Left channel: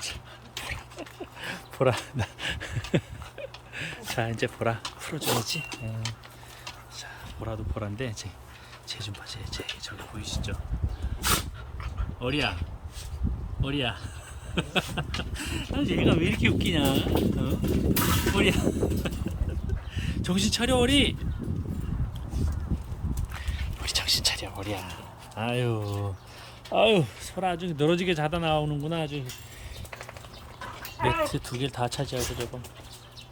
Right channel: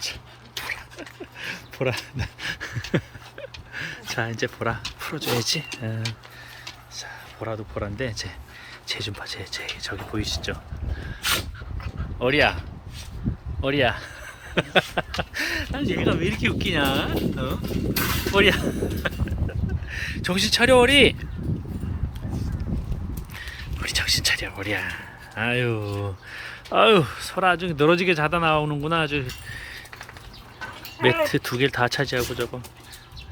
보라. 자 이제 보라 풀어줘야지. 음. 자 보라도 보라인데 제 제좀 봐. 제, 제 저기 보이시죠? 어리야. 어리야. 난 얘가 왜 이렇게 웃기냐? 어? 어리야. 정신 차려 어리. 우리 정신 차려 어리야. 아유. 아유 소라 아주 늘어지게 자다 나오는구나 아주 매트 두 개를 다 차지하고 저거.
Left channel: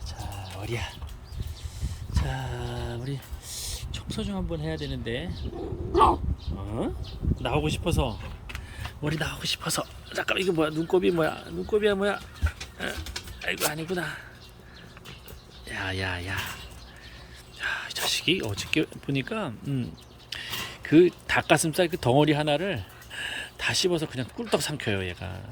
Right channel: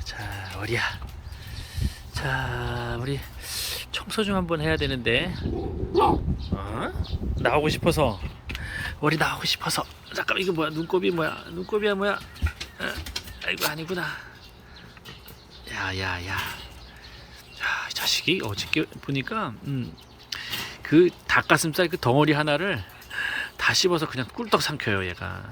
자 어리야? 자 우리 청소 좀 한번 해야 되는데. 어? 나오고 싶어서. 우리 나오고 싶어서. 잠깐 이거 뭐야? 눈곱이 뭐야? 눈곱이야 뭐야? 어? 아이고 아니구나. 야야야. 야, 이 자식이 어저께 보니까 음, 그 닭가슴살 그 덩어리 하나를 다 씹어서 그냥 꿀떡 삼켜요 얘가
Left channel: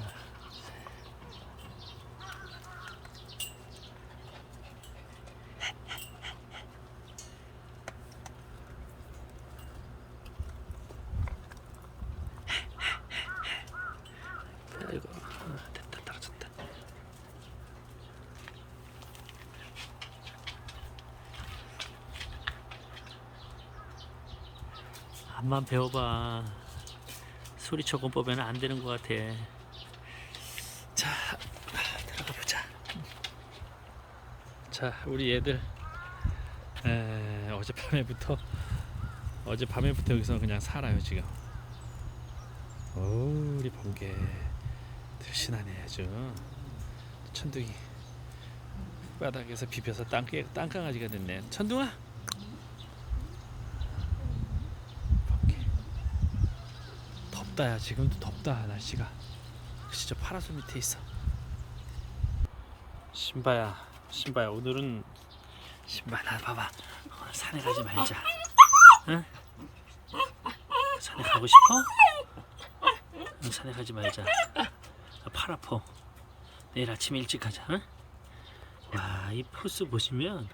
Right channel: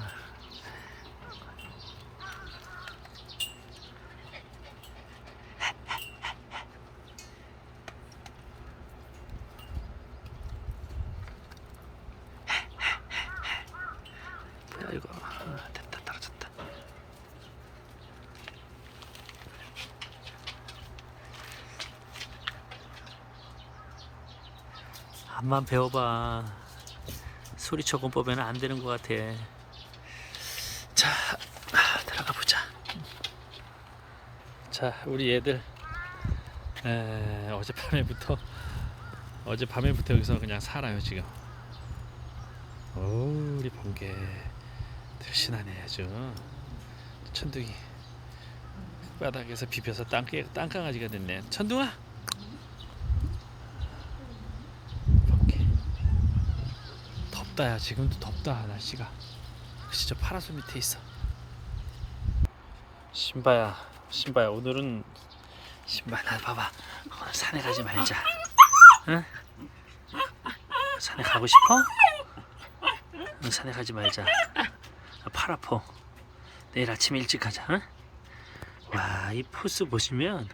뭐야 이거 아, 됐다 떨어졌다 한번 배워봐. 소리쳐 공법에는 안 되는 것 같아. 자 아, 들어가 보자. 자 우리 얘들. 에, 어젯밤에부터 어젯밤에부터 여기서 그냥 살아요 지금. 오 우리 번개. 들신하네 아주. 천둥이. 바닥에서 비벼서 땅, 땅강아지가 됐네. 천둥아 번개 덥다 야. 지금도 덥다 날씨가. 진짜 파라솔 밑에 있어. 신바야 신바야 오늘은 신바 나 봐봐. 오늘 산에 가지 말자. 응? 산에 가고 싶어? 응, 산에 가지 말자. 아, 팔 아파. 내일 아침 일찍 가자 응? 와이 포스 보시면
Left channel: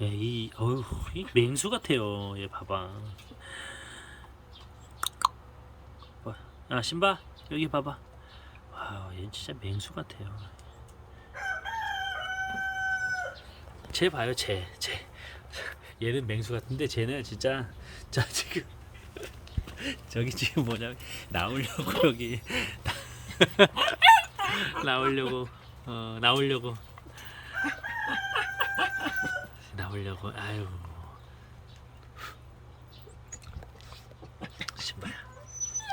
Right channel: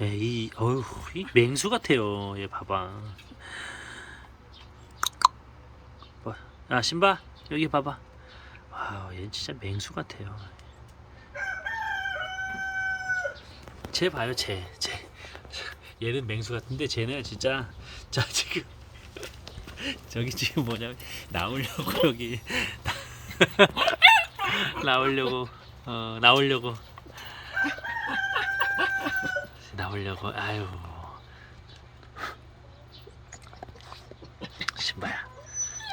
예, 이 어휴 이 맹수 같아요. 얘 봐봐 뭐, 아 신바 여기 봐봐. 와얘 진짜 맹수 같아요. 쟤 봐요 쟤. 쟤. 얘는 맹수 같은데 쟤는 진짜 자 지금. 저기 지금 뭐냐면 나오려고 여기. 나오려고 어 나오려고. 나오려고. 아유 신바야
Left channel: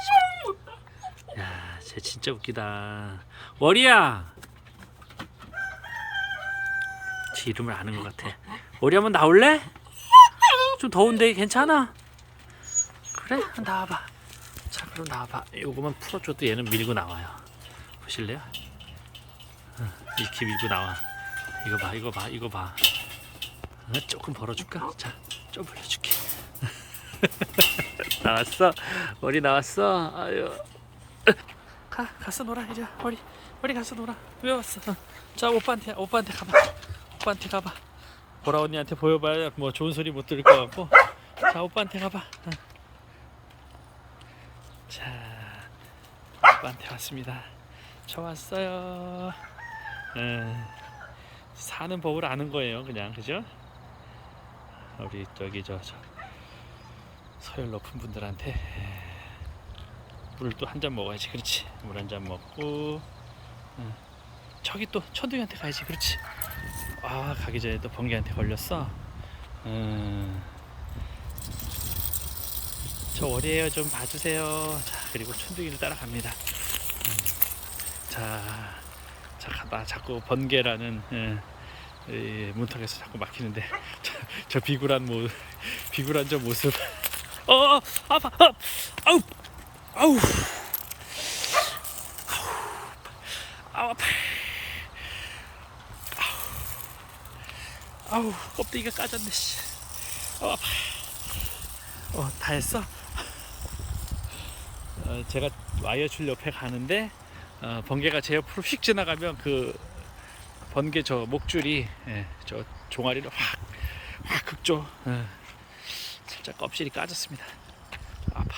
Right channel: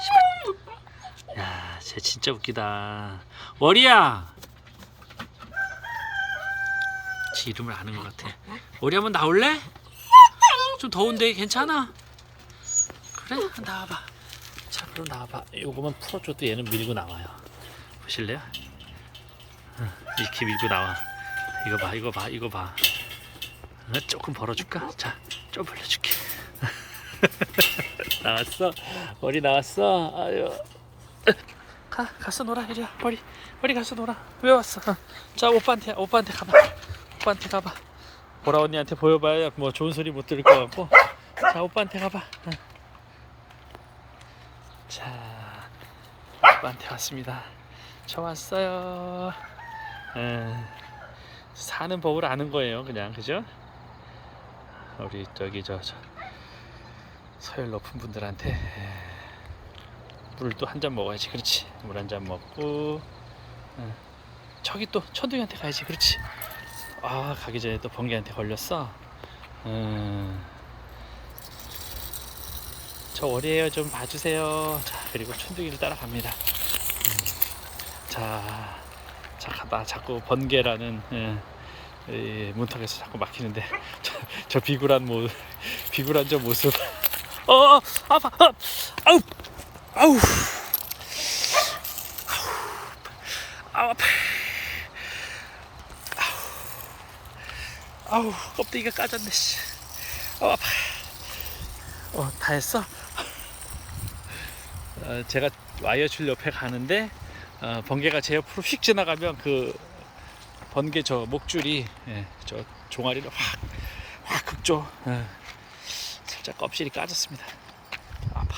신바 야 쟤 진짜 웃기다. 월이야! 지 이름을 아는 것 같아. 월이 한번 나올래? 좀 더운데 괜찮아? 그래 나와봐. 자 그럼 나와봐. 요거만 풀어줘도 얘는 밀고 나와요. 보실래요? 어, 이렇게 밀고 나와. 이거 봐 이거 봐 이거 봐. 어, 조금 벌어줄까? 자 좀 벌려줄게. 나왔어? 머리 나왔어? 아유 가 가서 놀아 이제 머리 머리 가서 놀아. 왜 왔어? 어. 자 오빠한테 오빠한테 가봐. 오빠한테 가봐. 보라 언니한테 보여봐야 뭐 좋은 소리 못 들을 것 같고. 자 오빠한테 가봐. 어. 자 오빠한테 왔습니다. 저 왔어요. 에, 사는 법을 아는 거예요 그냥. 그죠? 우리 저기 저, 저 서열 높은 분들한테 물을 또 한 잔 먹어야지. 그렇지. 물 한 잔 먹고 어. 저기 또 천둥이한테 가야지. 그렇지. 아 가기 전에 또 번개한테 걸렸어. 음, 저 월이에요. 좀 봐주세요. 자 그리고 천둥이를 따라갑니다. 음, 자, 자 가다. 자꾸 번개라는 예, 이 문턱에서 자꾸 막히는데. 저, 저 비굴한 모 비굴한 저 모습. 어, 어 아파. 어, 아우 아우. 아우 아파. 아우. 껍데기가 까졌네 씨. 어 아파. 어 다 했어? 어, 제가 와이어 줄 옆에 가는데 어, 번개가 제 옆으로 휙 지나가면 그 번개 저 목줄이 예, 저 종아리를 확확 긁죠. 예. 살짝 껍질이 까졌습니다. 아파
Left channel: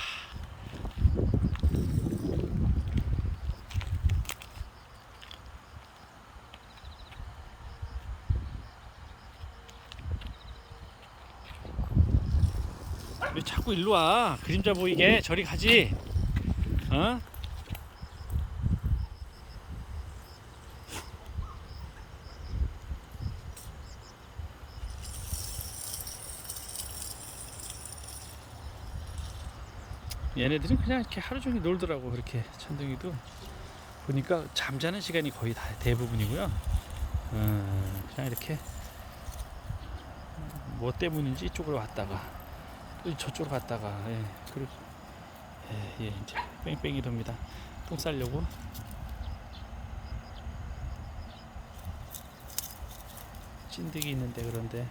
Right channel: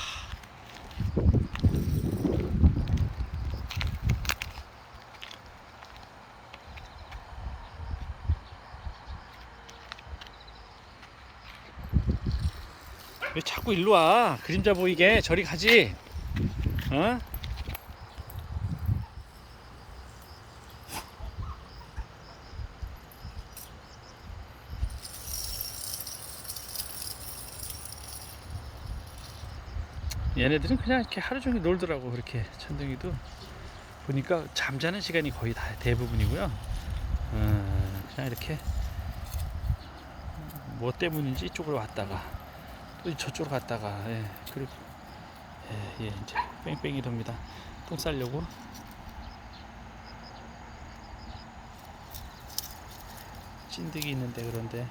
왜 자꾸 일로 와? 그림자 보이게 저리 가지. 어? 얘네들은 그냥 이렇게 하루 종일 놀더라고 그렇게 천둥이도 보니까 잠자는 시간이 거의 다 대부분이고요. 어, 그냥 이렇게 뭐 때문인지 이쪽으로 왔다가 또 저쪽으로 갔다가 예, 그리고 예, 예, 이제 뺑뺑이 돕니다. 똥 싸려고 찐득이 있는데 그런데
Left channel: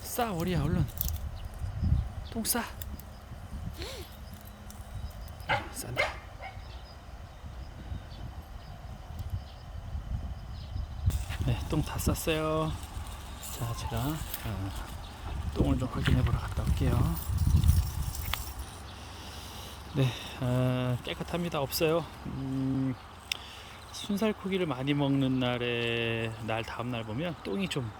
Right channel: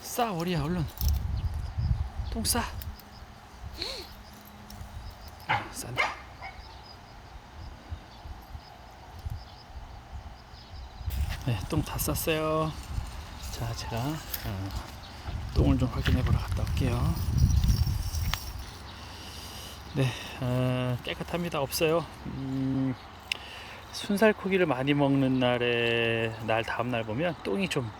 싸 어리야 얼른 똥 싸. 아, 싼다. 네, 똥 다 쌌어요. 자, 제가 어, 똥을 좀 확인해 보러 갔다 올게요. 네, 어, 깨끗합니다. 없어요. 음, 순살코기를 많이 먹는 날에 날 다음 날 보면 똥이 좀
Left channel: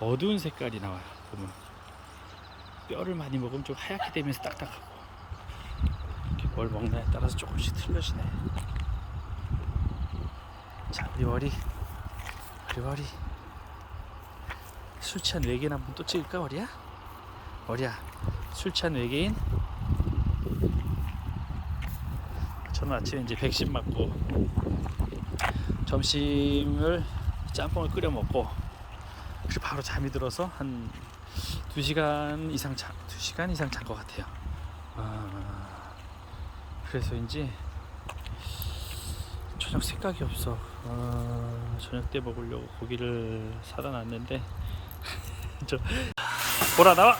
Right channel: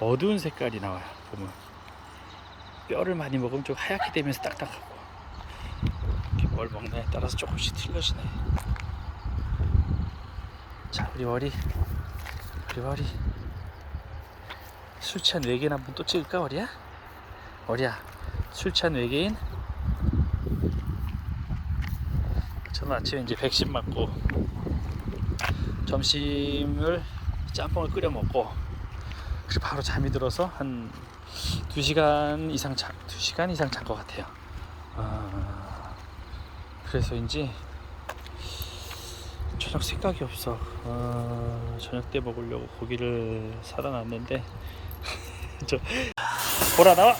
어두운 색깔이 나와요. 보면 뼈를 많이 먹으면 좀 하얗게 되면서 딱딱하고 이렇게 뭘 먹냐에 따라서 조금씩 틀려지네. 자, 우리 머리, 우리. 술 취한 외계인 한 번 또 찍을까, 어리야? 어리야, 술 취한 외계인? 저는 아침에 이제 백신 맞고 점심을 짬뽕을 끓여 먹고 그리고 바로 잠이 들어서 한 2시간 이상 자, 2시간 이상 잔 것 같아요. 아, 그래서인지 저녁 생각이 없어. 아, 저녁 때 먹으려고 고기를 사다 놨는데 저 보라 나와.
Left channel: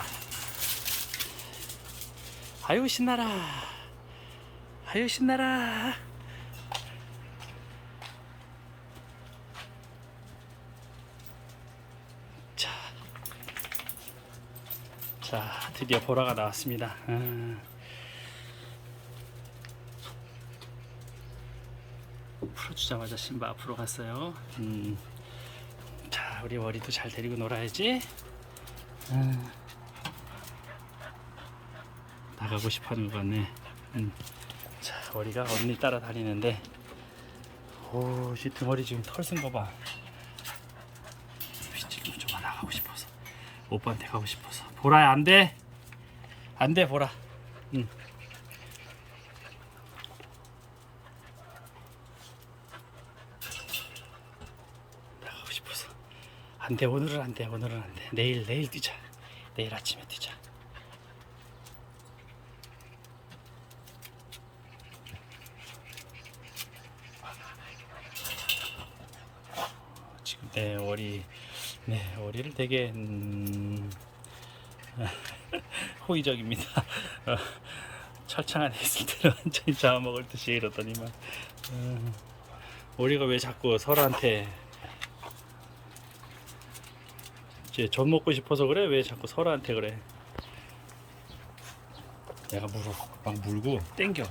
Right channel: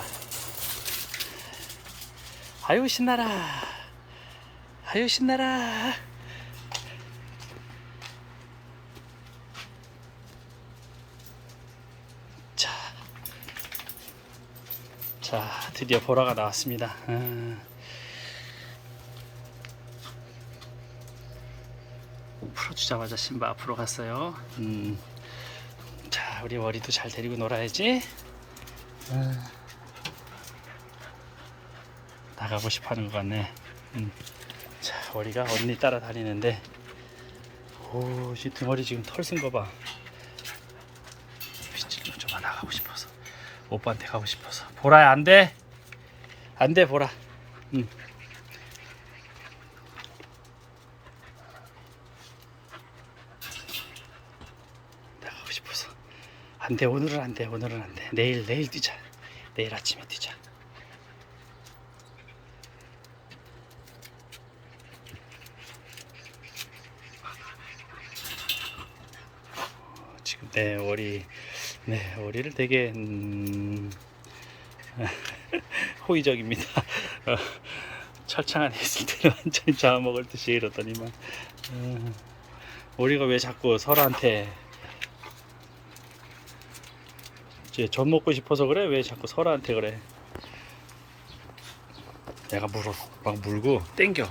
아유 신나라. 아유 신나라. 자, 자 드디어 보라가 나왔습니다. 아. 풀어 주자마자 신바 앞으로 갔어요. 음. 자, 우리 머리도 잘 데리고 놀아야지. 음. 나가고 싶어 하는 것 같네. 음. 자, 머리가 언니 따라다니는데, 오, 이 등머리 지금 털 쓴 거 봐. 빛을 좀좀 나가고 싶어서, 오빠한테 가고 싶어서. 보라야 안 돼, 안 돼, 보라. 응. 나가고 싶어서 안 돼 오늘은 안 돼 오늘은 안 돼. 내일 내일 뛰자. 내일 아침에 뛰자. 어, 지금 내 월이 네 월이를 되게 음, 호의적입니다. 어, 철창 안에 있을 때는 완전히 잡아먹을 듯이 이러더니만. 음, 우리가 왜 자꾸 설아한테 이제 전 먹고 싶어서 그래? 왜 자꾸 설아한테 그래? 내가 물어 막 물고 땡겨.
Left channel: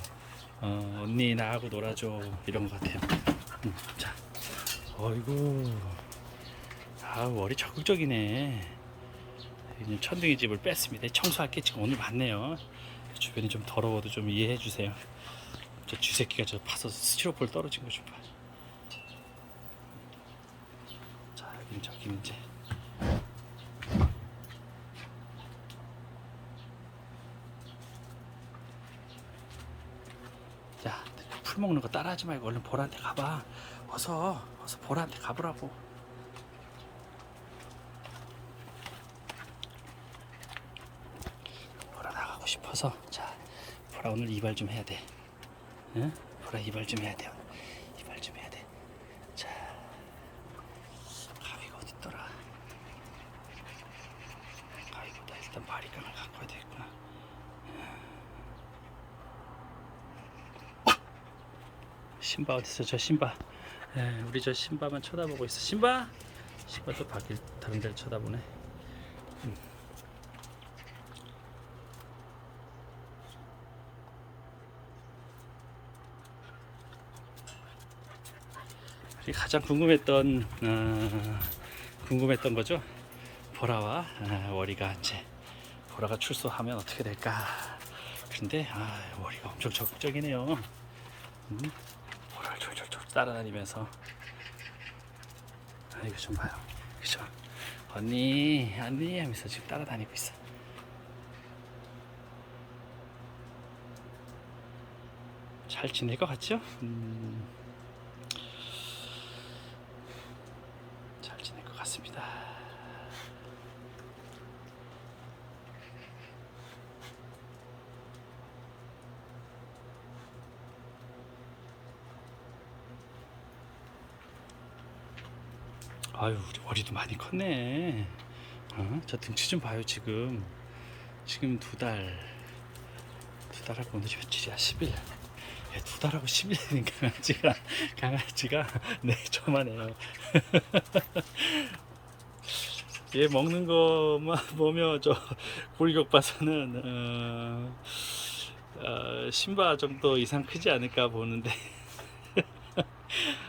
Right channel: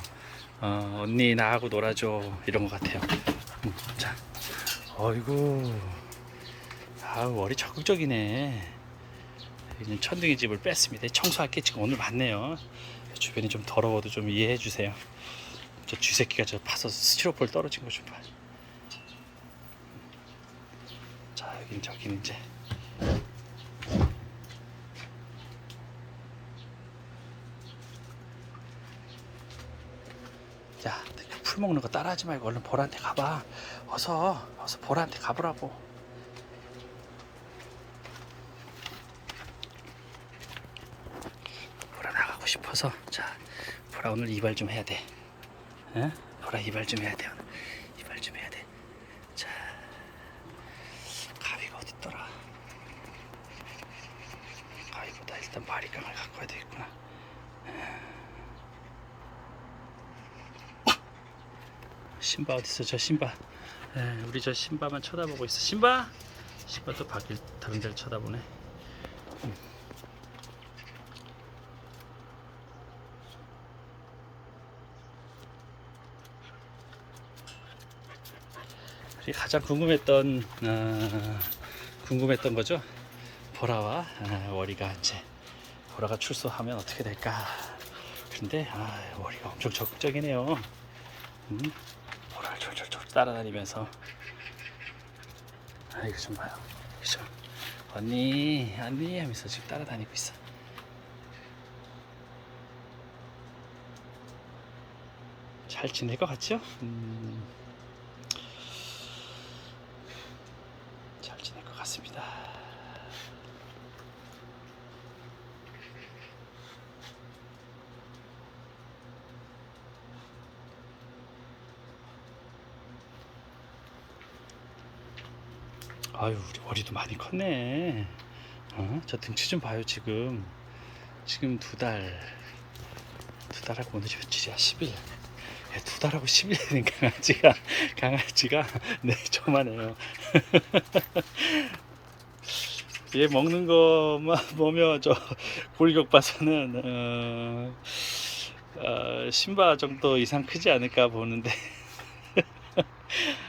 어, 언니 나하고 놀아줘. 이런 것 같아요. 음, 자. 어이구. 아 머리 적극적이네. 이제 천둥이 집을 뺐습니다. 청소할 게 지금 오늘 많네요. 주변이 좀 더러워도 좀 이해해 주세요. 저 쥐새끼가 저 파서 스티로폴 떨어진 거 좀 봐. 자 여긴 저긴 이제 야, 풀 먹는 거 따라하지 말고 얼른 보라한테 가봐. 어서, 어서 보라한테 가보라고. 보라 나가고 싶어서. 자, 보라 오늘 이발 좀 해야 돼. 응? 보라 이발 좀 해야 돼. 오늘. 이발 좀 해야 돼. 자, 가위가 어디 있더라? 가위보다 일단 바리깡을 갖고 와야 되겠구나. 신바 어디 있어? 저 신바. 에, 우리 저 신바만 쳐다보고 있어. 신바. 신바 또 밖에 다른 데를 쳐다보네. 음. 우리 가장 궁금했던 어, 궁금했던 거죠. 보라와 아, 월이가 이제 보라가 출소하면 어떻게 될까. 근데 아, 월이가 엄청 적극적이네요. 음? 따라다니면서 아 이거 좀 봐요. 그죠? 언니, 언니 하면서 지금 따라다니고 있어. 잘 지낼 것 같죠? 음, 잘 지낼 것 같습니다. 아유, 우리 머리도 많이 컸네. 어? 저 등치 좀 봐요, 지금. 지금 두 달. 두 달하고 오늘이 며칠이야? 10일. 예, 두 달하고 10일 된 강아지가, 강아지가, 네, 저만해요. 얘 먹는 것만 보면 저 골격 봐서는, 어, 어, 신바 정도 이상 크지 않을까 보는데.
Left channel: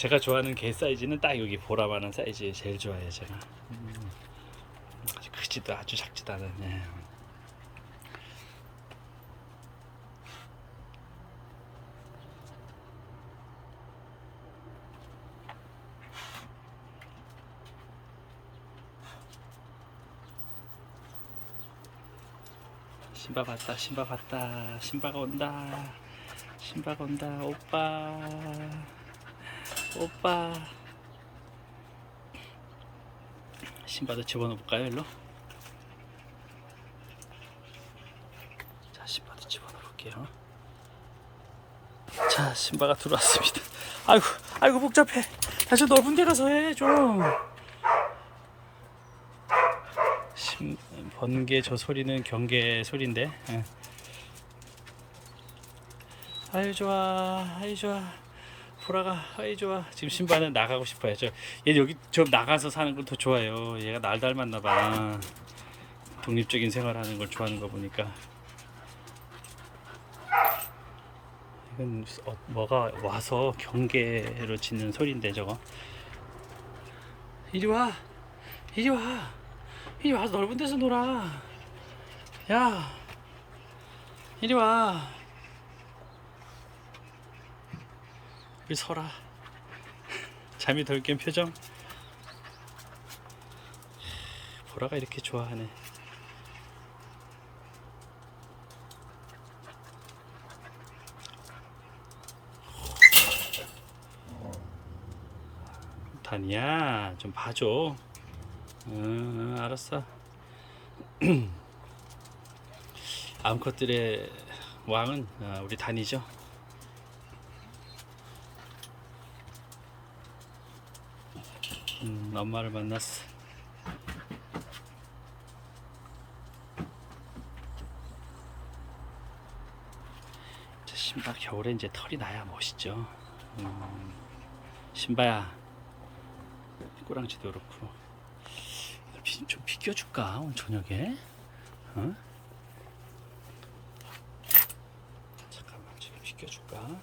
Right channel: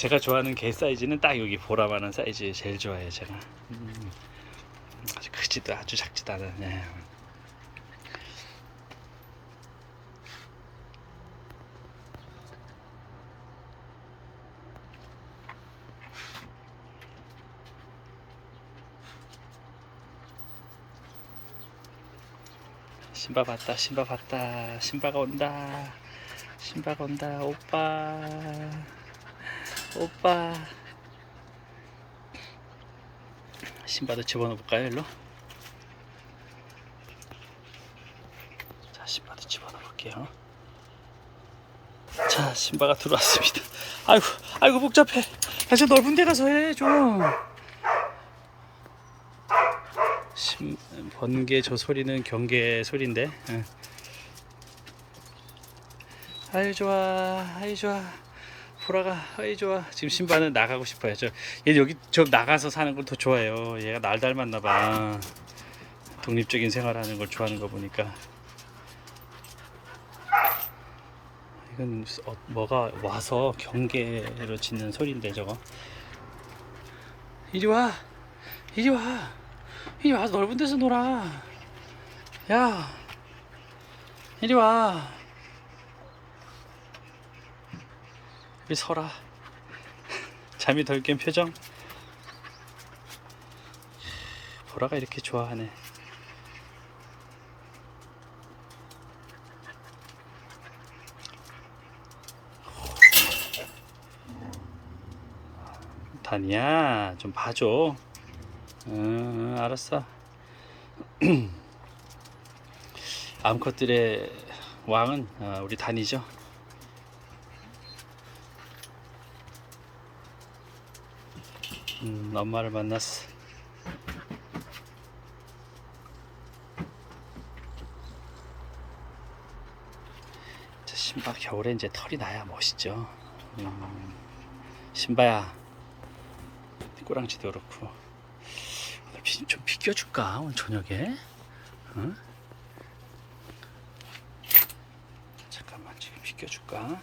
제가 좋아하는 개 사이즈는 딱 여기 보라만한 사이즈 제일 좋아해요 제가. 음, 아주 크지도 아주 작지도 않은 예. 신바 봤다 신바 봤다. 신바가 온다. 신바가 온다 오빠 오빠. 신바도 집어넣어 볼까요 일로? 자 신바도 집어넣어 볼게요. 자 신바가 들어왔습니다. 아이고 아이고 복잡해. 아주 넓은 데 가서 해좀. 신 번개 저 소리는 경계 소리인데 예. 아유 좋아 아유 좋아 보라가 아이 좋아. 지금 신바는 나가고 싶어요 저 얘 여기 저 나가서 사는 걸 더 좋아해요. 얘가 날 닮았나 봐. 독립적인 생활하는 걸 좋아하는 거 보니까. 이건 어, 뭐가 와서 경계로 짖는 소리인데 저거. 이리 와. 이리 와. 이리 와서 넓은 데서 놀아. 야. 이리 와 우리 설아 잠이 덜 깬 표정. 보라가 이렇게 좋아하네. 다니야 좀 봐줘. 응, 응 알았어. 암컷들의 왕은 어, 우리 다니죠 음, 엄마를 만났어. 자, 신바 겨울에 이제 털이 나야 멋있죠. 음, 신바야, 꼬랑지도 그렇고 오늘 비, 좀 비껴줄까 오늘 저녁에? 어? 잠깐만 지금 비껴줄까?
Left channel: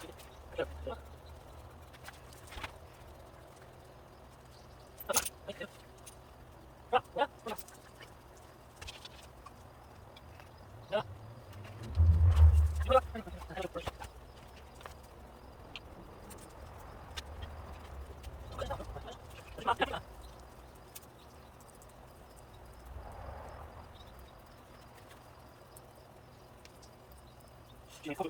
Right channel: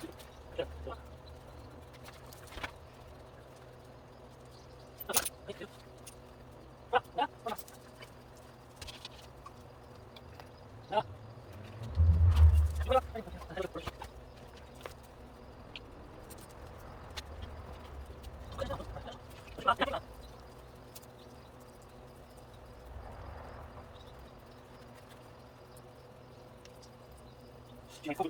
이거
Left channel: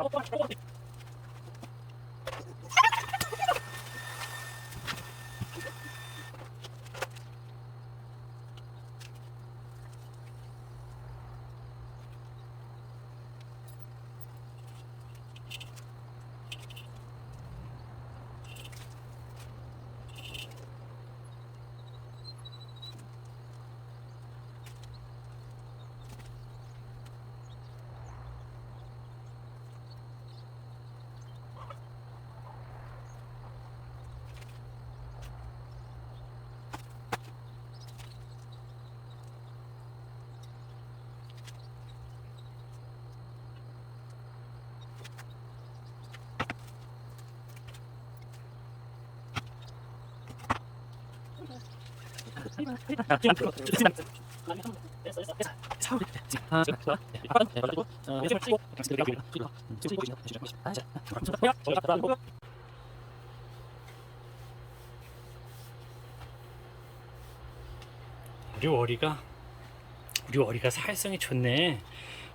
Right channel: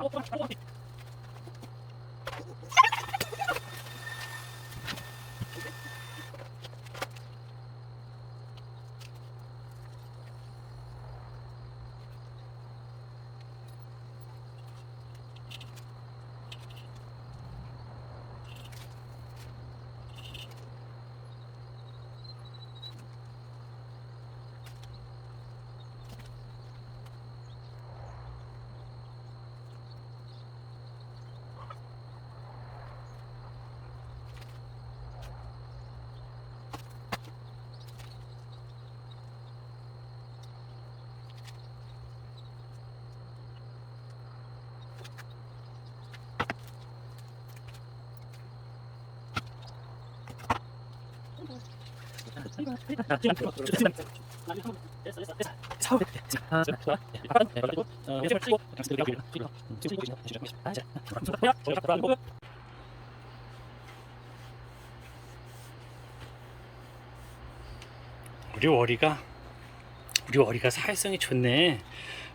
Oh, my God. 우리 월이가 우리 월이가 사회성이 좋네.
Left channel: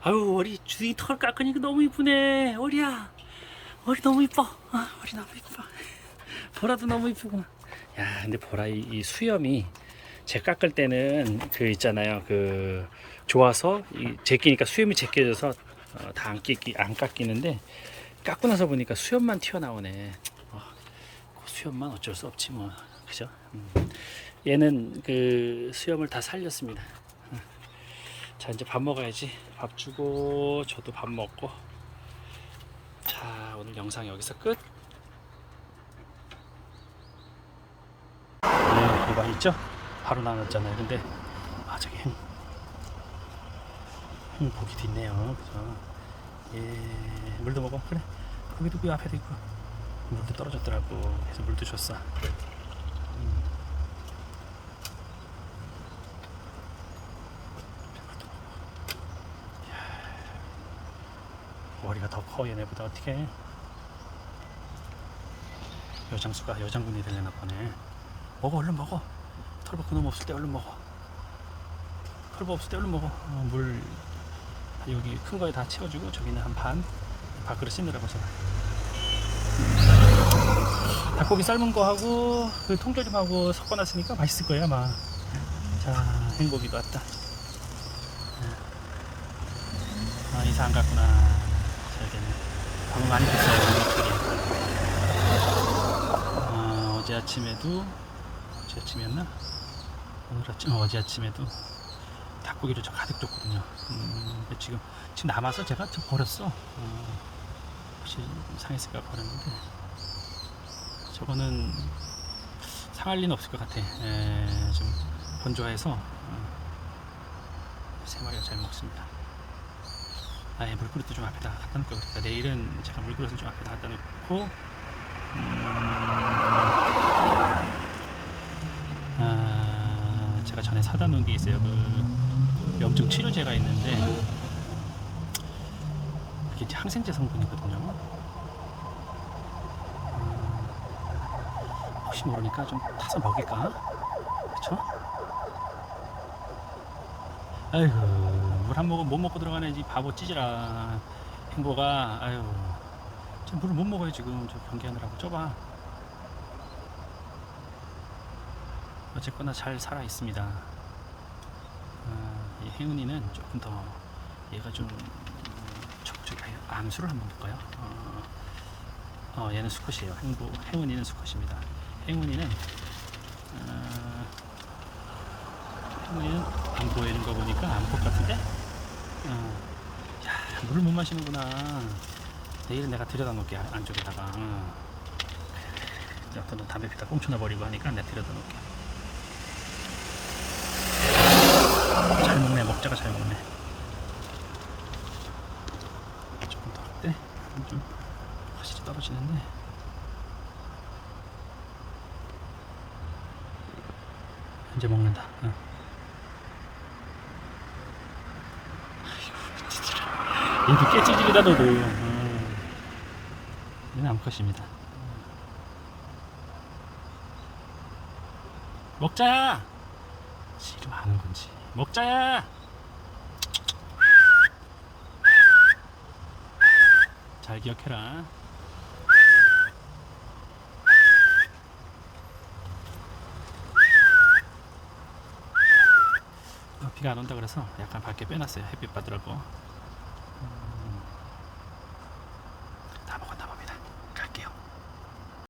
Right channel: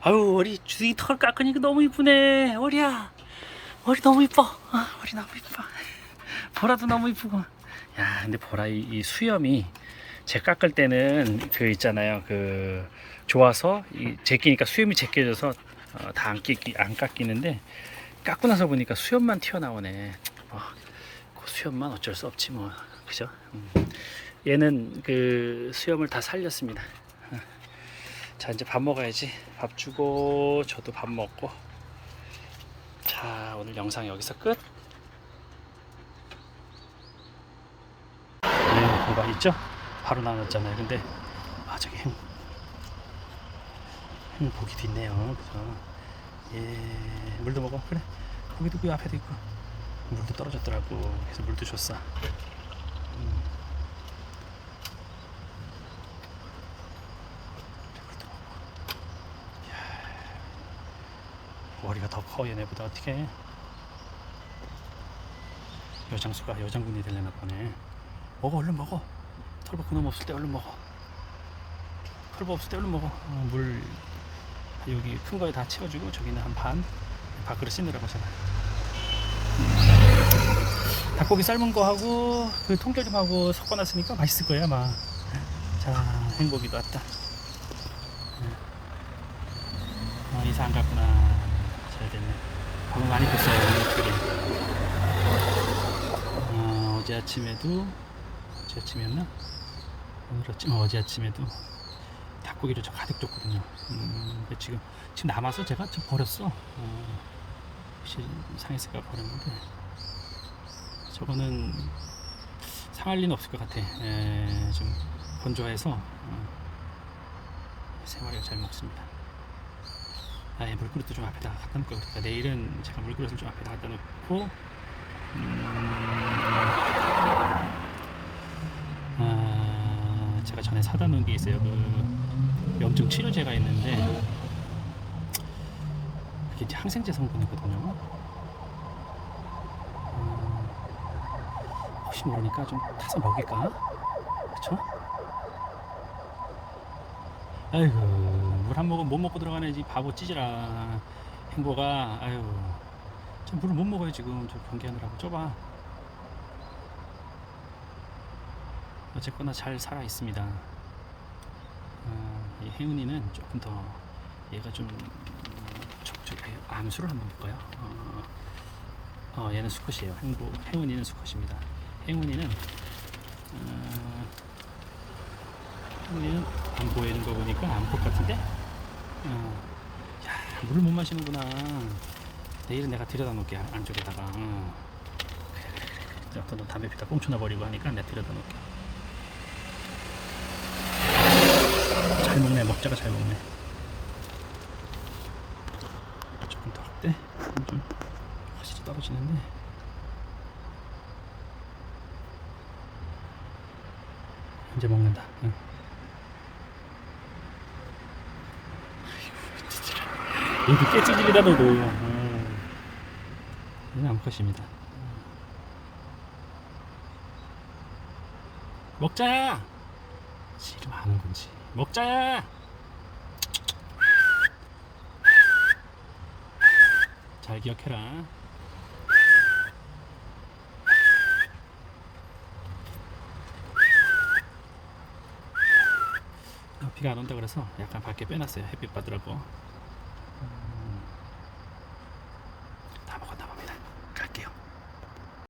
아유 월이 주둥이 털 깎으니까 너무 이쁘네. 월이야, 월이 너무 이뻐. 아 월이 너무 이뻐. 보라도 너무 이쁘고. 야 근데 보라 이, 이 수염이 제 깎을 때는 그 있잖아요 그 좋아서 이 제끼니까 수염이 제껴져서 어, 다안 깎이는데 깎고 나서 보니까 수염만 튀어나오네. 뭐, 그 수염만 어쩔 수 없지 뭐 그죠? 음. 얘는 그 수염을 다 살렸습니다. 어. 자 이제 밥 먹어야지. 밥 주고 저도 밥 먹고. 자 오늘 영상 여기서 끝. 네, 이거 있죠? 바로 나눴잖아요. 근데 아 저기 행, 행 고기도 있네요. 그죠? 예, 물도 먹어. 그래. 고기도 그 앞에도 있고. 물도 떨어졌더라고. 그래서 물도 줬어. 음. 물도 먹고. 이야, 머리가 더 커 얘네보다 어떻게? 여장수가 여장군이 되려나 보네. 먹어 얼른 먹어. 털보 그놈 없을 때 얼른 먹어. 털보 없을 때 얼른 먹어. 어, 물 여기 큰 거에 다 채워주고 저기는 한 반 밥그릇 씻느라고 제가. 닭고기 삶은 거 하고 그 통조 림 하고 섞어놨으니까 맛있을 거예요 아마. 자 행복이도 왔다. 아 이사 안 갔구나. 잘 됐네. 밥을 많이 줬어요 특별히 아, 어제 아침에도 어제 아침이었나 오늘 아침 어, 어제 아침에도 닭고기를 저 가득 줬거든요. 음, 지금 지금 남아서 제가 좀 버렸어. 어, 혹시 상했을까 버렸는데 저거는 상할 리는 없을 것 같아. 에, 좀 건조해서 어, 세 마리가 잘 먹습니다. 아, 예, 물그릇도 좀 앞에다 갖다 놓을 걸 그랬다. 내일은 제가 물그릇을 좀 앞에다 갖다 놓고 음, 전에 사다 놓은 게 있어요. 그 염증 치료제가 있는데 그게 항생제 성분이거든요. 음, 혹시 모르니까 좀 타서 먹일까? 그쵸? 아이고 물 한 모금 못 먹고 들어가네 이 바보 찌질아 행보가 아유 저 물을 못 먹어요 지금 저 경기하느라고 좁아 어쨌거나 잘 살아 있습니다. 아, 이 혜은이는 조금 더 얘가 좀 음, 저, 저, 암수를 한번 볼까요? 어, 어, 얘는 수컷이에요. 행보 혜은이는 수컷입니다. 혜은이는 어, 혜은이는 안 보이는 거 보니까 암컷 같은데? 어, 야 물을 못 마시는구나. 내일은 내가 들여다 놓을게 안- 안쪽에다가. 어. 어떤 담배 피다 꽁쳐놔 버리고 하니까 내가 들여다 놓을게. 잘 먹네. 먹자가 잘 먹네. 조금 더 할때 좀 확실히 떨어지는데. 이제 먹는다. 응. 얘도 깨찌질이다 너도. 응. 얘는 암컷입니다. 먹자! 지금 하는 건지 먹자야 잘 기억해라. 어, 비가 안 온다 그래서 약간 밖에 빼놨어요. 햇빛 받으라고.